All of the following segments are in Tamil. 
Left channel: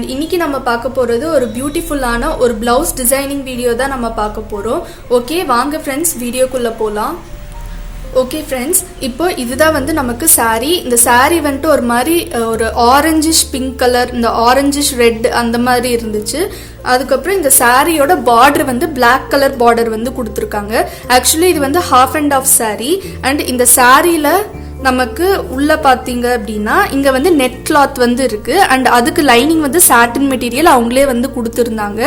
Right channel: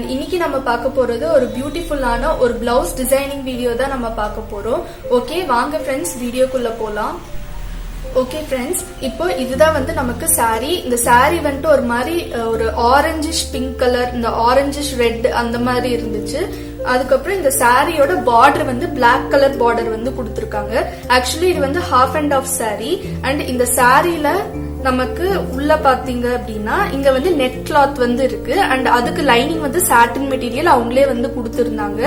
அண்ட் இன்னைக்கு நம்ம பார்க்க போறது ஒரு பியூட்டிஃபுல்லான ஒரு பிளவுஸ் டிசைனிங் வீடியோ தான் நம்ம பார்க்க போறோம். ஓகே வாங்க ஃப்ரெண்ட்ஸ் வீடியோக்குள்ள போலாம். ஓகே ஃப்ரெண்ட்ஸ், இப்போ இதுதான் வந்து நமக்கு சாரீ. இந்த சாரீ வந்துட்டு ஒரு மாதிரி ஒரு ஆரஞ்சிஷ் பிங்க் கலர், இந்த ஆரஞ்சிஷ் ரெட் அந்த மாதிரி இருந்துச்சு. அதுக்கப்புறம் இந்த சாரியோட பார்டர் வந்து பிளாக் கலர் பார்டர் வந்து கொடுத்துருக்காங்க. ஆக்சுவலி இது வந்து half and half sari. And இந்த சாரியில நமக்கு உள்ள பாத்தீங்க அப்படின்னா இங்க வந்து நெட் கிளாத் வந்து இருக்கு. அண்ட் அதுக்கு லைனிங் வந்து சாட்டின் மெட்டீரியல் அவங்களே வந்து கொடுத்துருந்தாங்க.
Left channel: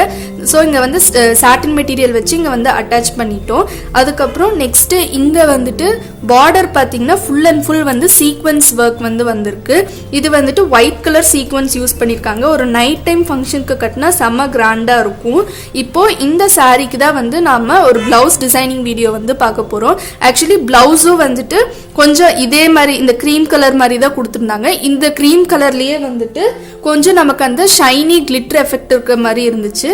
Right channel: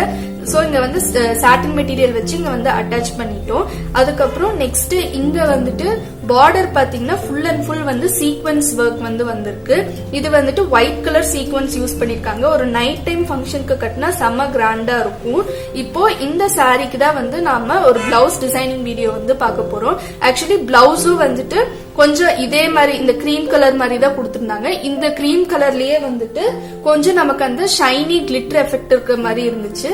ஸோ இங்க வந்து சாட்டின் மெட்டீரியல் வச்சு இங்க வந்து அட்டாச் பண்ணிட்டோம். அதுக்கப்புறம் நெக்ஸ்ட் இங்க வந்துட்டு பார்டர் பாத்தீங்கன்னா ஃபுல் அண்ட் ஃபுல் வந்து சீக்வன்ஸ் ஒர்க் வந்து வந்திருக்கு. இது வந்துட்டு ஒயிட் கலர் சீக்வன்ஸ் யூஸ் பண்ணிருக்காங்க. ஒரு நைட் டைம் ஃபங்க்ஷனுக்கு கட்டினா செம்ம கிராண்டா இருக்கும். இப்போ இந்த சாரிக்கு தான் வந்து நாம ஒரு பிளவுஸ் டிசைனிங் வீடியோ வந்து பார்க்க போறோம். ஆக்சுவலி பிளவுஸும் வந்துட்டு கொஞ்சம் இதே மாதிரி இந்த கிரீம் கலர் மாதிரி தான் கொடுத்துருந்தாங்க. இந்த கிரீம் கலர்லயே வந்துட்டு கொஞ்சம் நமக்கு அந்த ஷைனி கிளிட்டர் எஃபெக்ட் இருக்கிற மாதிரி இருந்துச்சு.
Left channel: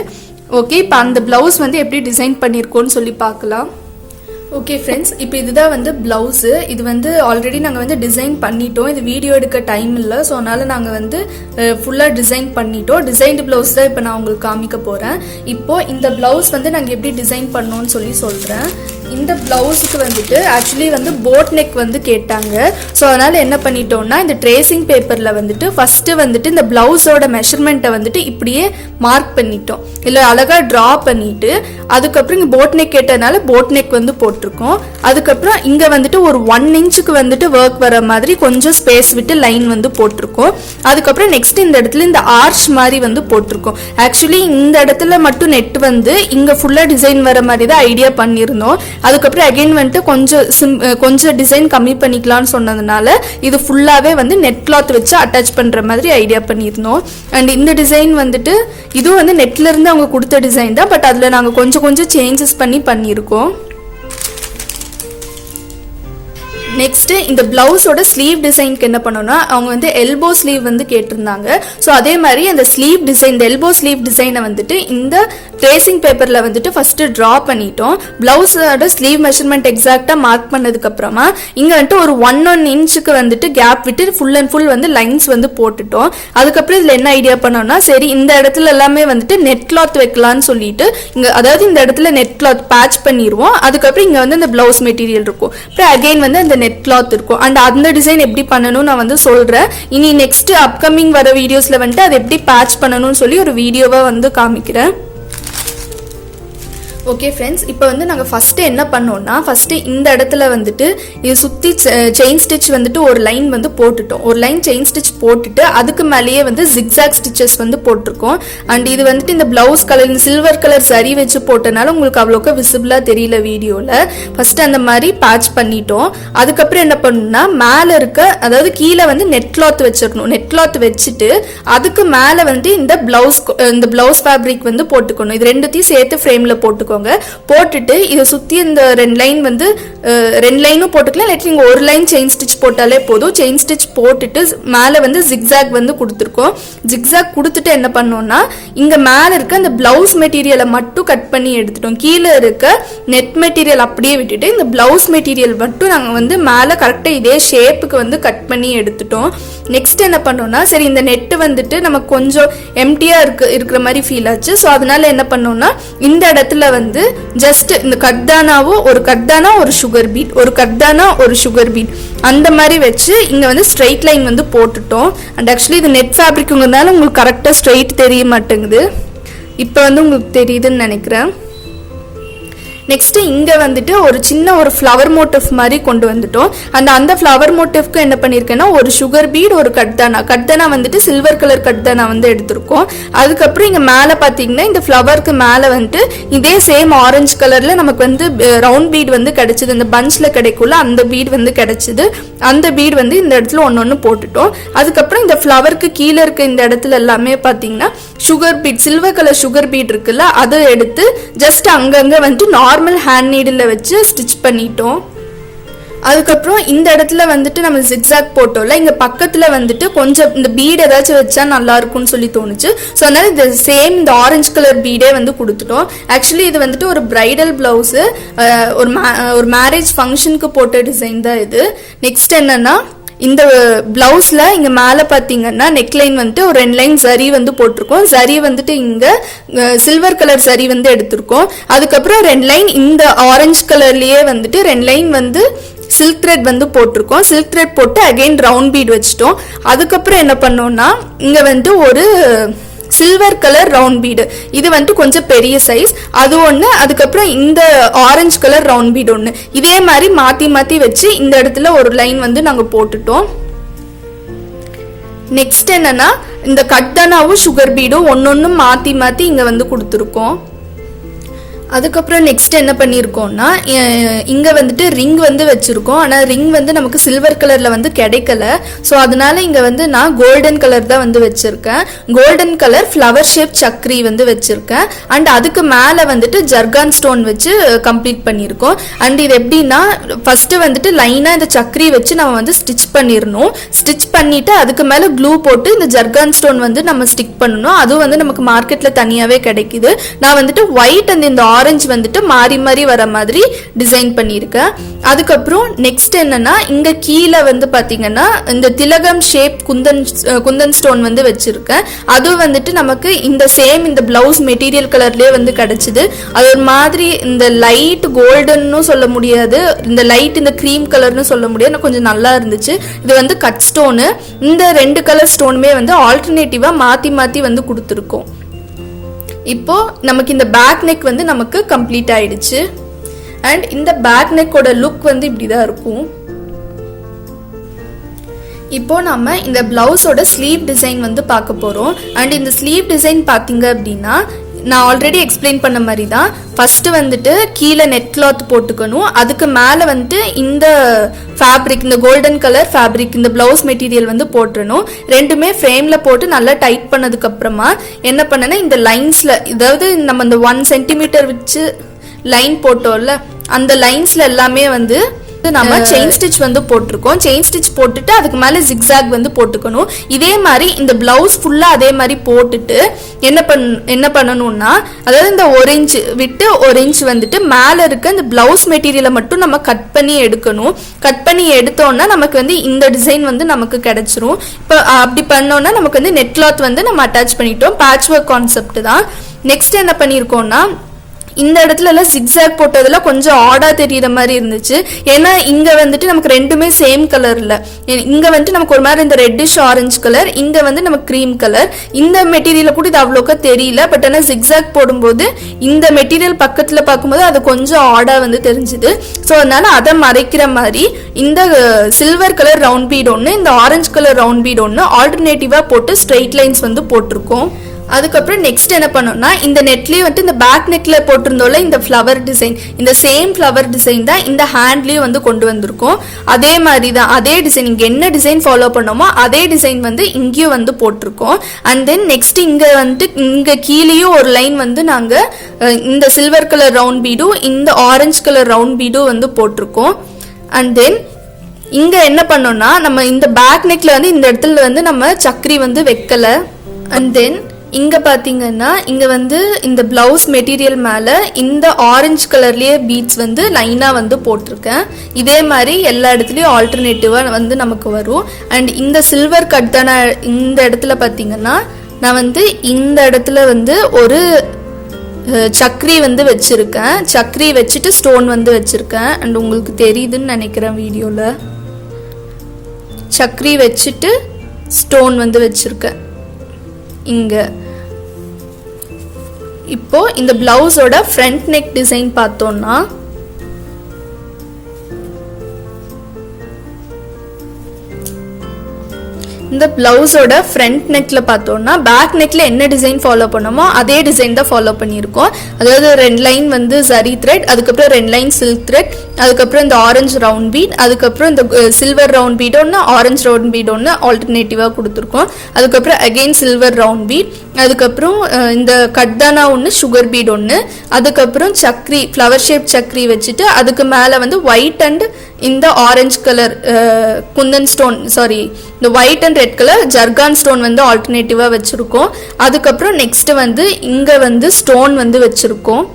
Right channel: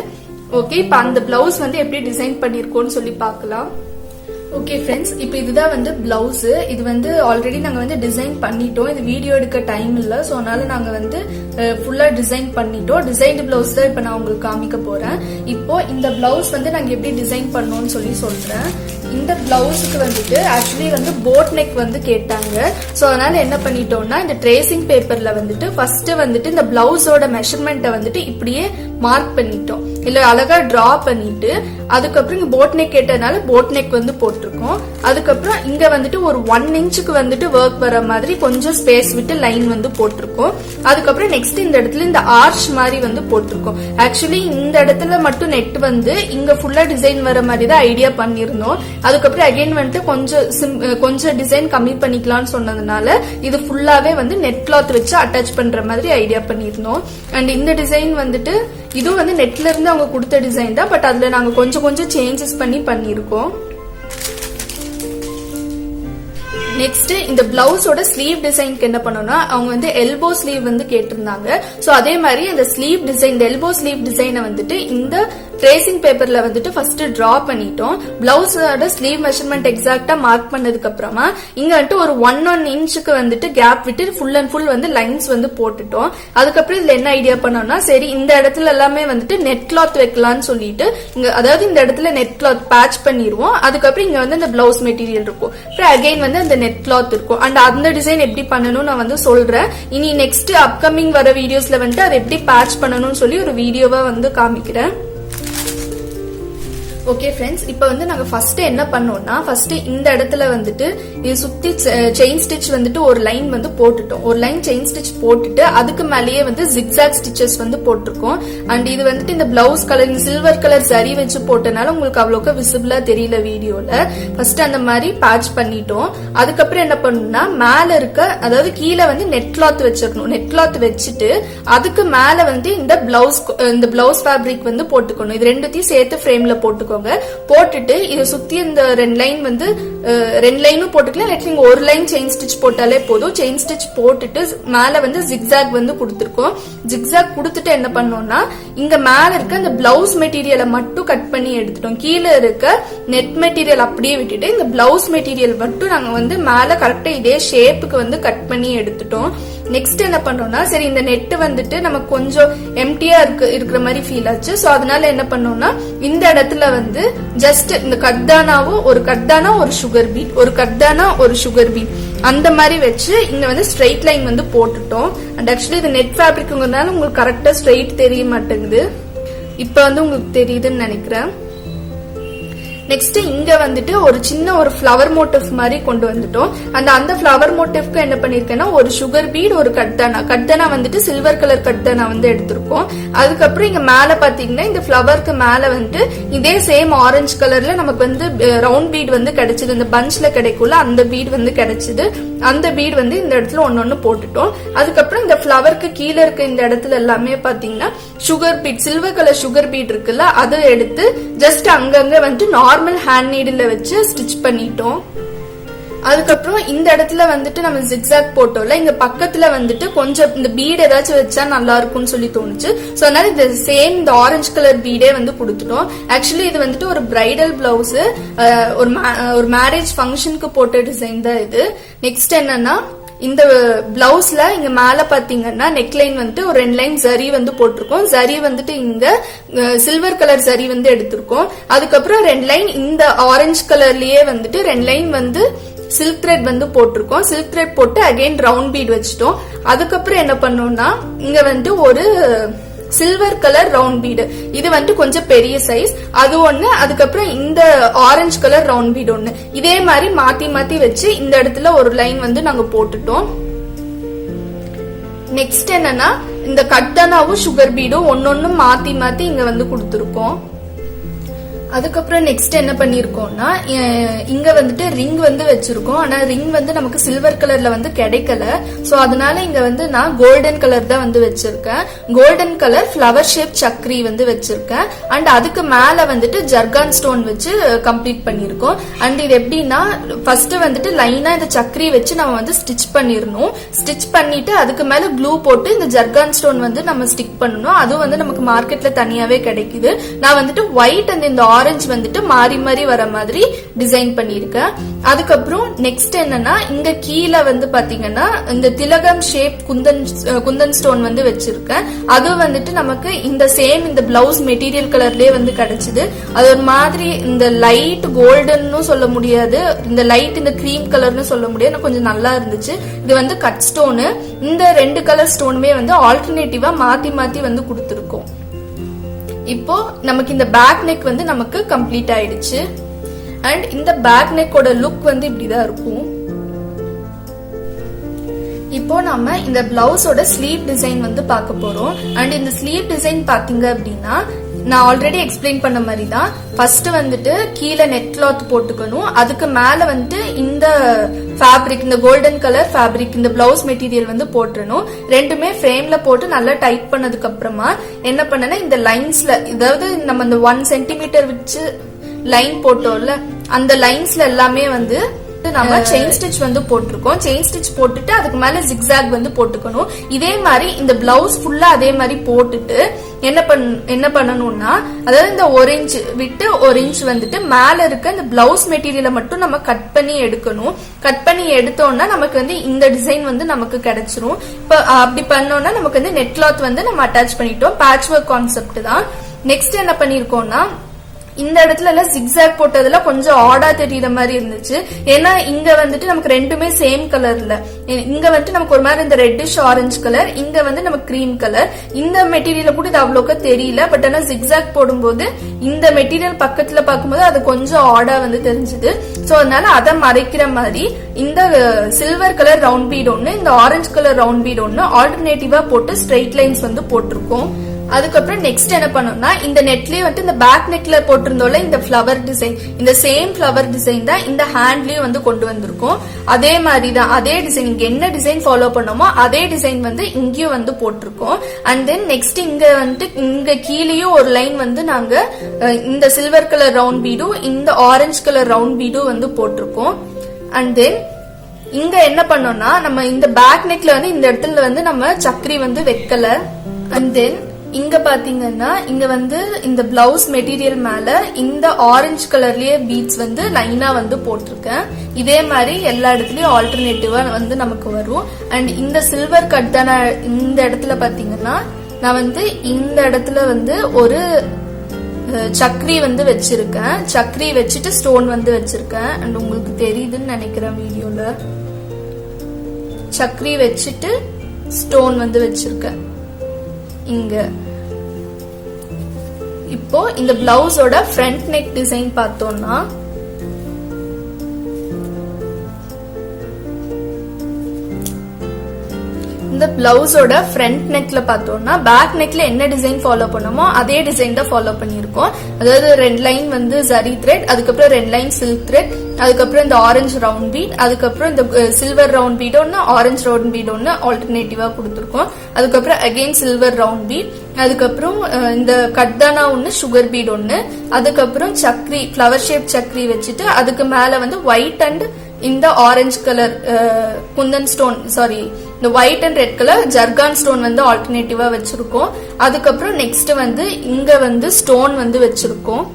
ஓகே, இப்போ அந்த பிளவுஸ் வந்து எப்படி டிசைன் பண்ணிருக்கோம்னு சொல்லி பார்க்கலாம். ஓகே ஃப்ரெண்ட்ஸ், இப்போ இதுதான் வந்து பிளவுஸ். இது வந்து ஆல்ரெடி நாங்கள் வந்து டிசைன் பண்ணிட்டோம். இது வீடியோ எடுக்க டைம் இல்லை, ஸோ அதனால நாங்கள் வந்து ஃபுல்லாக டிசைன் பண்ணிட்டோம். டிசைன்டு பிளவுஸ் தான் இப்போ நான் உங்களுக்கு காமிக்க போகிறேன். இப்போ இந்த பிளவுஸ் வந்து நாங்கள் எப்படி டிசைன் பண்ணோம்னு சொல்கிறேன். இந்த பிளவுஸுக்கு வந்துட்டு ஆக்சுவலி வந்து போட் நெக் வந்து கேட்டாங்க. ஸோ அதனால என்ன பண்ணிட்டோம்னா இந்த ட்ரேசிங் பேப்பர்ல வந்துட்டு ஃபர்ஸ்ட் வந்துட்டு இந்த பிளவுஸோட மெஷர்மெண்ட்டை வந்துட்டு இப்படியே மார்க் பண்ணிட்டோம். இல்லை அழகா டிரா பண்ணிட்டு அதுக்கப்புறம் இங்க போட் நெக் கேட்டதுனால போட் நெக் வந்து போட்டிருக்கோம். அதுக்கப்புறம் இங்க வந்துட்டு ஒரு 1 இன்ச்சுக்கு வந்துட்டு ஒர்க் வர மாதிரி கொஞ்சம் ஸ்பேஸ் விட்டு லைன் வந்து போட்டிருக்கோம். அதுக்கப்புறம் நெக்ஸ்ட் இந்த இடத்துல இந்த ஆர்ச் மாதிரி வந்து போட்டிருக்கோம். ஆக்சுவலி இந்த இடத்துல மட்டும் நெட் வந்து இங்க ஃபுல்லா டிசைன் வர மாதிரி தான் ஐடியா பண்ணியிருந்தோம். அதுக்கப்புறம் அகைன் வந்துட்டு கொஞ்சம் டிசைன் கம்மி பண்ணிக்கலாம்னு சொன்னதுனால இது ஃபுல்லாவே வந்து நெட் கிளாத் வச்சு அட்டாச் பண்ற மாதிரி ஐடியா பண்ணியிருந்தோம். அண்ட் இந்த டிசைன் வந்துட்டு இதுவும் வந்து நெட்ல இருந்து அவங்க கொடுத்த டிசைன் தான், பட் அதுல நாங்க கொஞ்சம் சேஞ்சஸ் பண்ணியிருக்கோம். நெக்ஸ்ட் இந்த பிளவுஸோட ஸ்லீவ் டிசைனுக்கு என்ன பண்ணோம்னா அவங்க வந்து எல்போ ஸ்லீவ் வந்து கேட்டிருந்தாங்க. ஸோ அதே மாதிரி அந்த ஸ்லீவ் டிசைன், இந்த எல்போ ஸ்லீவ் டிசைனை வந்துட்டு இந்த ட்ரேசிங் பேப்பர்ல வந்துட்டு ஃபர்ஸ்ட் டிரா பண்ணிட்டோம். பிளவுஸோட ஸ்லீவ் மெஷர்மெண்ட் எக்ஸாக்டா மார்க் பண்ணதுக்கு அப்புறமா இங்க வந்துட்டு ஒரு 1 இன்ச்சுக்கு வந்துட்டு கேப் விட்டு ஃபுல் அண்ட் ஃபுல் வந்து லைன்ஸ் வந்து போட்டுட்டோம். அதுக்கப்புறம் இதுல என்ன ஐடியா பண்ணோம்னா சரி இந்த இடத்துல எல்லாமே வந்துட்டு நெட் கிளாத் வைக்கலாம்னு சொல்லிட்டு இங்க அதாவது இந்த இடத்துல நெட் கிளாத் பேட்ச் பண்ணிடுவோம். அதுக்கப்புறம் இங்க வந்து இந்த பிளவுஸ் மெட்டீரியல் இருக்கும். அப்புறம் அகைன் வந்து அந்த நெட் கிளாத் இருக்கும். அண்ட் அந்த டிசைன் எப்படி பண்ணணும் நான் வந்து சொல்றேன். இனி நெக்ஸ்ட் அப்கமிங் வர வீடியோஸ்ல வந்துட்டு அதை எப்படி பேட்ச் பண்ணணும்னு சொல்லி ஒரு வீடியோவா வந்து காமிக்கிறேன். ஓகே ஃப்ரெண்ட்ஸ், இப்போ வந்து நாங்கள் ஃபர்ஸ்ட் என்ன பண்ணோம்னா ஃபர்ஸ்ட் இந்த இடத்துல வந்துட்டு இது சுற்றி செயின் ஸ்டிச் வந்துட்டு ஒரு லைன் வந்து போட்டுட்டோம். ஒரு லைன் செயின் ஸ்டிச் போட்டுட்டு அதுக்கு மேலேயே வந்து ஜிக்ஸாக் ஸ்டிச்சஸ் வந்து போட்டிருக்கோம். அண்ட் இது வந்துட்டு இந்த பிளவுஸ் கலர் இந்த சில்வர் கலர் சரி வச்சு போட்டனால உங்களுக்கு அவ்வளோக்கா விசிபிளா தெரியல வீடியோல. ஃபர்ஸ்ட் அந்த மாதிரி பேட்ச் பண்ணிட்டோம். அதுக்கப்புறம் என்ன பண்ணணும்னா மேலே இருக்க அதாவது கீழே வந்து நெட் கிளாத் வச்சிருக்கணும். நெட் கிளாத் வச்சுட்டு அதுக்கு மேலே வந்து இந்த பிளவுஸ் ஃபேப்ரிக் வந்து போட்டுக்கணும். இது ரெண்டுத்தையும் சேர்த்து ஃப்ரேம்ல போட்டுக்கோங்க. போட்டுட்டு இதை சுத்தி இந்த 2 லைன் வந்து 2 லைனும் போட்டுக்கலாம். இல்லாட்டி நீங்க ஒரு லைன் செயின் ஸ்டிச் போட்டாலே போதும். செயின் ஸ்டிச் போட்டுட்டு மேல வந்து ஜிக்ஸாக் வந்து கொடுத்துருக்கோம். ஜிக்ஸாக் கொடுத்துட்டு என்ன பண்ணோம்னா இங்க மேல இருக்க இந்த பிளவுஸ் மெட்டீரியலை மட்டும் கட் பண்ணி எடுத்துட்டோம். கீழே இருக்க நெட் மெட்டீரியல் அப்படியே விட்டுட்டு இந்த பிளவுஸ் மெட்டீரியல் மட்டும் நாங்க வந்து மேல கரெக்டா இதே ஷேப்புக்கு வந்து கட் பண்ணி எடுத்துட்டோம். நெக்ஸ்ட் என்ன பண்ணோம்னா சரி இந்த நெட் வந்துட்டு நமக்கு கொஞ்சம் எம்டியா இருக்கிற மாதிரி ஃபீல் ஆச்சு. ஸோ அதனால என்ன பண்ணோம்னா இந்த இடத்துல வந்து ஜஸ்ட் இந்த கர்தானாவோ ஒரு கர்தானா ஒரு சுகர் பீட், ஒரு கர்தானா ஒரு சுகர் பீட் அந்த மாதிரி வச்சு இங்க வந்து ஸ்ட்ரெயிட் லைன் வந்து போட்டுட்டோம். அண்ட் ஆக்சுவலி இது நெட் ஃபேப்ரிக்ங்கிறதுனால உங்களுக்கு கரெக்டா ஸ்ட்ரெயிட் தெரிய மாட்டேங்குது. இப்போ வந்து உங்களுக்கு தெரியுதுன்னு நினைக்கிறேன். நெக்ஸ்ட் இங்க வந்துட்டு ஒரு சின்ன ஒரு ஃப்ளவர் மோட்டிவ் மாதிரி கொண்டு வந்துட்டோம். அந்த ஃப்ளவர் மோட்டிவ்க்கு என்ன பண்ணிருக்கேன்னா ஒரு சுகர் பீட் ஒரு கட்தானா வந்துட்டு சில்வர் கலர் கட்தானா வந்து எடுத்திருக்கோம். அதுக்கப்புறம் இங்க மேல பாத்தீங்கன்னா இந்த ஃப்ளவருக்கு மேல வந்துட்டு இதே சேம் ஆரஞ்சு கலர்ல நமக்கு வந்து ரவுண்ட் பீட் வந்து கிடைச்சது. இந்த பஞ்ச்ல கிடைக்கும்ல அந்த பீட் வந்து கிடைச்சது. அந்த பீட் வந்து இந்த இடத்துல ஒன்னொன்னு போட்டுட்டோம். அதுக்கப்புறம் இந்த ஃப்ளவருக்கு கீழே இருக்க இந்த இடத்துல எல்லாமே பாத்தீங்கன்னா sugar beat, silver colour sugar beat இருக்குல்ல அதை எடுத்து ஜஸ்ட் அங்கங்க வந்துட்டு நார்மல் ஹேண்ட் நீடில் வச்சு ஸ்டிச் பண்ணிட்டோம். அதுக்கப்புறம் இந்த இடத்துல வந்துட்டு நம்ம ஜிக்ஸாக் போட்டோம்ல இங்க பக்கத்துல வந்துட்டு கொஞ்சம் இந்த பீட் ஏதாச்சும் வச்சா நல்லா இருக்கும்னு சொல்லி தோணுச்சு. ஸோ அதனால இந்த சேம் இந்த ஆரஞ்சு கலர் பீடே வந்து கொடுத்துட்டோம். ஆக்சுவலி இது வந்துட்டு ஒரு பிரைடல் பிளவுஸ், ஒரு மேரேஜ் ஃபங்க்ஷனுக்கு போட்ட டிசைன் தான் இது. நெக்ஸ்ட் என்னன்னா இந்த பிளவுஸ்ல இங்க மேல பாத்தீங்கன்னா நெக்லைன் வந்துட்டு ஒரு 2 லைன் சரி வந்து போட்டிருக்கோம். சரி வந்துட்டு இங்க சில்வர் கலர் சரி வந்து எடுத்திருக்கோம். அதுக்கப்புறம் 2 லைன் இந்த ஆரஞ்சு கலர்லயே வந்துட்டு 2 லைன் வந்து சில்க் த்ரெட் வந்து போட்டிருக்கோம். சில்க் த்ரெட் போட்டு அகைன் ரவுண்ட் பீட் வச்சுட்டோம். அதுக்கப்புறம் என்ன பண்ணோம்னா இங்க வந்து ஒரு சில்வர் கலர் ரவுண்ட் பீடு, இது வந்து கொஞ்சம் பெரிய சைஸ், அது ஒன்று. அதுக்கப்புறம் இந்த ஆரஞ்சு கலர் ரவுண்ட் பீடு ஒன்று. இதே மாதிரி மாற்றி மாற்றி வச்சு இந்த இடத்துல ஒரு லைன் வந்து நாங்கள் போட்டுட்டோம். நெக்ஸ்ட் என்னன்னா இந்த கட்டனாவும் சுகர் பீடும் ஒன்னொன்னு மாற்றி மாற்றி இங்கே வந்து கொடுத்துருக்கோம். அதுக்கப்புறம் நெக்ஸ்ட் என்ன பண்ணியிருக்கோம்னா இங்க வந்துட்டு ரிங் வந்து வச்சிருக்கோம். ஆனால் ரிங் வந்து நமக்கு சில்வர் கலர்ல வந்து கிடைக்கல. ஸோ அதனால இங்க வந்து நான் கோல்டன் கலர் தான் வந்து வச்சிருக்கேன். கோல்டன் கலர் ஃப்ளவர் ஷேப் சக்ரி வந்து வச்சிருக்கேன். அண்ட் அதுக்கு மேல வந்துட்டு ஜர்கான் ஸ்டோன் வச்சு கம்ப்ளீட் பண்ணியிருக்கோம். அண்ட் இது எப்படின்னா ஃபர்ஸ்ட் வந்துட்டு லைனா இந்த சக்ரி வச்சு நம்ம வந்து ஸ்டிச் பண்ணிடணும். ஸ்டிச் பண்ணிட்டு அதுக்கு மேல க்ளூ போட்டு இந்த ஜர்கான் ஸ்டோன் வந்து நம்ம ஸ்டிக் பண்ணணும். அதுவும் வந்து நமக்கு மார்க்கெட்ல தனியாவே கிடைக்குது. நான் வந்துட்டு ஒயிட் அண்ட் இந்த ஆரஞ்சு வந்துட்டு மாறி மாறி வர மாதிரி டிசைன் பண்ணியிருக்கேன். அதுக்கப்புறம் நெக்ஸ்ட் என்னன்னா இங்க கீழே வந்து பாத்தீங்கன்னா இந்த திலகம் ஷேப் குந்தன் ஸ்டோன் வந்து வச்சிருக்கேன். அது வந்துட்டு நமக்கு இந்த சேம் இந்த பிளவுஸ் மெட்டீரியல் கலர்லயே வந்து கிடைச்சது. அது ஒரு மாதிரி இந்த லைட் கோல்டன்னு சொல்ல முடியாது, இந்த லைட் இந்த கிரீம் கலர்னு சொல்ல முடியாது, கொஞ்சம் நல்லா இருந்துச்சு. இது வந்து கட் ஸ்டோனு. இந்த 2 கலர் ஸ்டோனுமே வந்து ஆல்டர்னேட்டிவா மாத்தி மாத்தி வந்து கொடுத்துருக்கோம். இப்போ நமக்கு இந்த பேக் நெக் வந்து நமக்கு கம்ப்ளீட் ஆயிடுச்சு. அண்ட் இந்த பேக் நெக்கோட லுக் வந்து இப்படிதான் இருக்கும். இப்போ நம்ம இந்த பிளவுஸோட ஸ்லீவ் டிசைன் வந்து பார்க்க போறோம். அண்ட் இந்த ஸ்லீவ் டிசைன் பாத்தீங்க அப்படின்னா நான் ஆல்ரெடி எக்ஸ்பிளைன் பண்ண மாதிரி தான். ஃபர்ஸ்ட் வந்துட்டு கீழே நெட் கிளாத் போட்டுக்கணும். அதுக்கு மேல வந்துட்டு இந்த ஃபேப்ரிக், இந்த கோல்டன் கலர் ஃபேப்ரிக், இந்த பிளவுஸ் மெட்டீரியல் வந்து போட்டுறணும். ரெண்டுமே ஃப்ரேம்ல போட்டு நல்லா டைட் பண்ணதுக்கு அப்புறமா என்ன பண்ணனா இந்த லைன்ஸ்ல, அதாவது நம்ம இந்த 1 சென்டிமீட்டர் வச்சு லைன் போட்டோம்ல, அந்த லைன்ஸ்ல எல்லாமே வந்து நம்ம செயின் ஸ்டிச் வந்து போட்டிருக்கோம். செயின் ஸ்டிச் போட்டுட்டு அதுக்கு மேல ஜிக்ஸாக் வந்து போட்டுக்கணும். இதே மாதிரி இந்த பிளவுஸ் ஃபுல்லா அதே மாதிரி போட்டுட்டு என்ன பண்ணணும்னா, அதாவது இந்த 1 இன்ச் விட்டு 1 இன்ச் வந்துட்டு மேல இருக்க இந்த பிளவுஸ் மெட்டீரியலை மட்டும் நம்ம கட் பண்ணி எடுக்கணும். கட் பண்ணி எடுத்தோம்னா நமக்கு வந்து இந்த டிசைன் வந்து நமக்கு கிடைச்சிரும். இப்போ அப்படி பண்ணோம்னா நமக்கு வந்து நெட் கிளாத் வந்து நம்ம அட்டாச் பண்ணிட்டோம். பேட்ச் ஒர்க் கான்செப்ட் தான். நெக்ஸ்ட் என்ன பண்ணிருக்கோம்னா இந்த இடத்துல எல்லாம் ஜிக்ஸாக் போட்டதுல கொஞ்சம் ஆடா தெரியற மாதிரி இருந்துச்சு. ஏன்னா இங்க வந்துட்டு நமக்கு ரெண்டுமே சேம் கலர்ல, இங்க வந்துட்டு நமக்கு ஒரு மாதிரி இந்த ரெட்டிஷ் ஆரஞ்சு கலர், இங்க வந்து நமக்கு கிரீம் கலர். இந்த மெட்டீரியல கூட இது அவ்வளோக்கா தெரியல. பட் ஆனா ஜிக்ஸாக் போடும்போது இந்த மெட்டீரியல் பக்கத்துல பார்க்கும்போது அது கொஞ்சம் ஆடா வந்து தெரிஞ்சுது. ஸோ அதனால அதை மறைக்கிற மாதிரி இந்த சில்வர் கலர் ரவுண்ட் பீட் ஒன்று, இந்த ஆரஞ்சு கலர் ரவுண்ட் பீட் ஒன்று ஆல்டர்னேட்டிவா போட்டு ஸ்ட்ரெயிட் லைன்ஸ் வந்து போட்டிருக்கோம். அதுக்கப்புறம் நெக்ஸ்ட் என்ன பண்ணோம்னா இந்த நெட்லயே வந்து இந்த பேக் நெக்ல போட்டிருந்தோம்ல இந்த ஃப்ளவர் டிசைன், இந்த சேம் ஃப்ளவர் டிசைன் தான் இந்த ஹேண்ட்லயும் வந்து கொண்டு வந்திருக்கோம். அதே மாதிரி தான், அதே டிசைன் இங்க என்ன டிசைன் ஃபாலோ பண்ணோமோ அதே டிசைன் வந்து இங்கேயும் வந்து போட்டிருக்கோம். அண்ட் தென் நெக்ஸ்ட் இங்க வந்துட்டு இங்க கீழேயும் ஒரு லைன் வந்து நாங்க இந்த சில்வர் கலர் ரவுண்ட் பீடும் இந்த ஆரஞ்சு கலர் ரவுண்ட் பீடும் வந்து போட்டிருக்கோம். அண்ட் தென் இங்க என்ன பண்ணோம்னா நம்ம இந்த பேக் நெக்ல வந்து இந்த இடத்துல வந்து நம்ம சக்கரி வந்து வைக்கல. அண்ட் தென் இங்க பாத்தீங்கன்னா இங்க வந்து இந்த பிளவுஸ் மெட்டீரியல் மேல இந்த ஆரஞ்சு கலர்லயே பீட்ஸ் வந்து லைனா வந்து போட்டிருக்கேன். இதே மாதிரி எல்லா இடத்துலயும் ஆல்டர்னேட்டிவா வந்து நமக்கு வரும். அண்ட் இந்த சில்வர் கட் தான இந்த இடத்துல பாத்தீங்கன்னா நான் வந்து இந்த இடத்துல வந்து ஒரு சக்கரி வந்து வச்சிருக்கேன். சக்கரி வச்சுட்டு ஸ்டோன் வந்து வச்சிருக்கேன். அண்ட் உங்களுக்கு தெரியுதுன்னு நினைக்கிறேன் வீடியோல. சக்கரி வச்சுட்டு ஸ்டோன் வந்து வச்சிருக்கேன் இங்க. இப்போ இந்த பிளவுஸோட ஃப்ரண்ட் நெக் டிசைன் பார்த்தோம்னா இந்த பிளவுஸோட ஃப்ரண்ட் நெக்ல பார்த்தோம்னா பேக் நெக்ல என்ன டிசைன் ஃபாலோ பண்ணோமோ அதே டிசைன் தான் ஃபாலோ பண்ணியிருக்கோம். அதாவது 2 லைன் வந்து சரி த்ரெட், அதுக்கப்புறம் 2 லைன் சில்க் த்ரெட், அதுக்கப்புறம் இந்த ஆரஞ்சு ரவுண்ட் பீட், அதுக்கப்புறம் இந்த சில்வர் ரவுண்ட் பீட் ஒன்று, ஆரஞ்சு ரவுண்ட் பீட் ஒன்று ஆல்டர்னேட்டிவா கொடுத்துருக்கோம். அதுக்கப்புறம் அகெயின் சில்வர் ரவுண்ட் பீட், அதுக்கப்புறம் இந்த கட்தானா ஒன்று, சுகர் பீட் ஒன்று, அதுக்கப்புறம் சக்ரி ஃப்ளவர் ஷேப் சக்ரி வச்சுட்டு அதுக்கு மேலே வந்து ஒயிட் அண்ட் இந்த orange colour kundan stone, sorry இந்த white and red colour zircon stone வந்து ஆல்டர்னேட்டிவா வச்சிருக்கோம். அதுக்கப்புறம் நெக்ஸ்ட் வந்து இங்க வந்து ஸ்டோன் வந்து வச்சிருக்கோம்.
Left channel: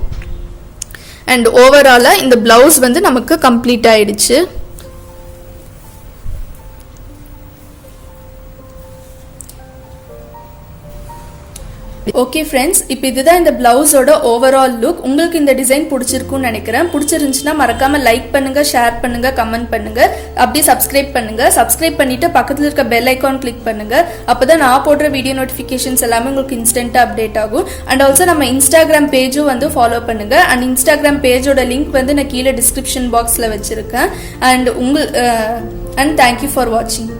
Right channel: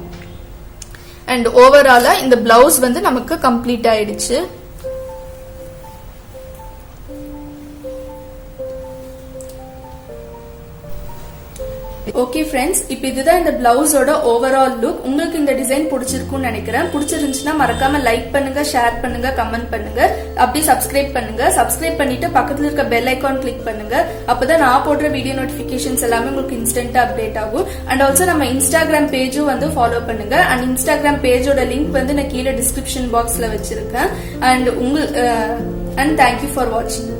அண்ட் ஓவராலா இந்த பிளவுஸ் வந்து நமக்கு கம்ப்ளீட் ஆயிடுச்சு. ஓகே ஃப்ரெண்ட்ஸ், இப்போ இதுதான் இந்த பிளவுஸோட ஓவரால் லுக். உங்களுக்கு இந்த டிசைன் பிடிச்சிருக்கும்னு நினைக்கிறேன். பிடிச்சிருந்துச்சுன்னா மறக்காம லைக் பண்ணுங்க, ஷேர் பண்ணுங்க, கமெண்ட் பண்ணுங்க, அப்படியே சப்ஸ்கிரைப் பண்ணுங்க. சப்ஸ்கிரைப் பண்ணிட்டு பக்கத்துல இருக்க பெல் ஐகான் கிளிக் பண்ணுங்க. அப்பதான் நான் போடுற வீடியோ நோட்டிபிகேஷன்ஸ் எல்லாமே உங்களுக்கு இன்ஸ்டன்டா அப்டேட் ஆகும். அண்ட் ஆல்சோ நம்ம இன்ஸ்டாகிராம் பேஜும் வந்து ஃபாலோ பண்ணுங்க. அண்ட் இன்ஸ்டாகிராம் பேஜோட லிங்க் வந்து நான் கீழே டிஸ்கிரிப்ஷன் பாக்ஸ்ல வச்சிருக்கேன். அண்ட் தேங்க்யூ ஃபார் வாட்சிங்.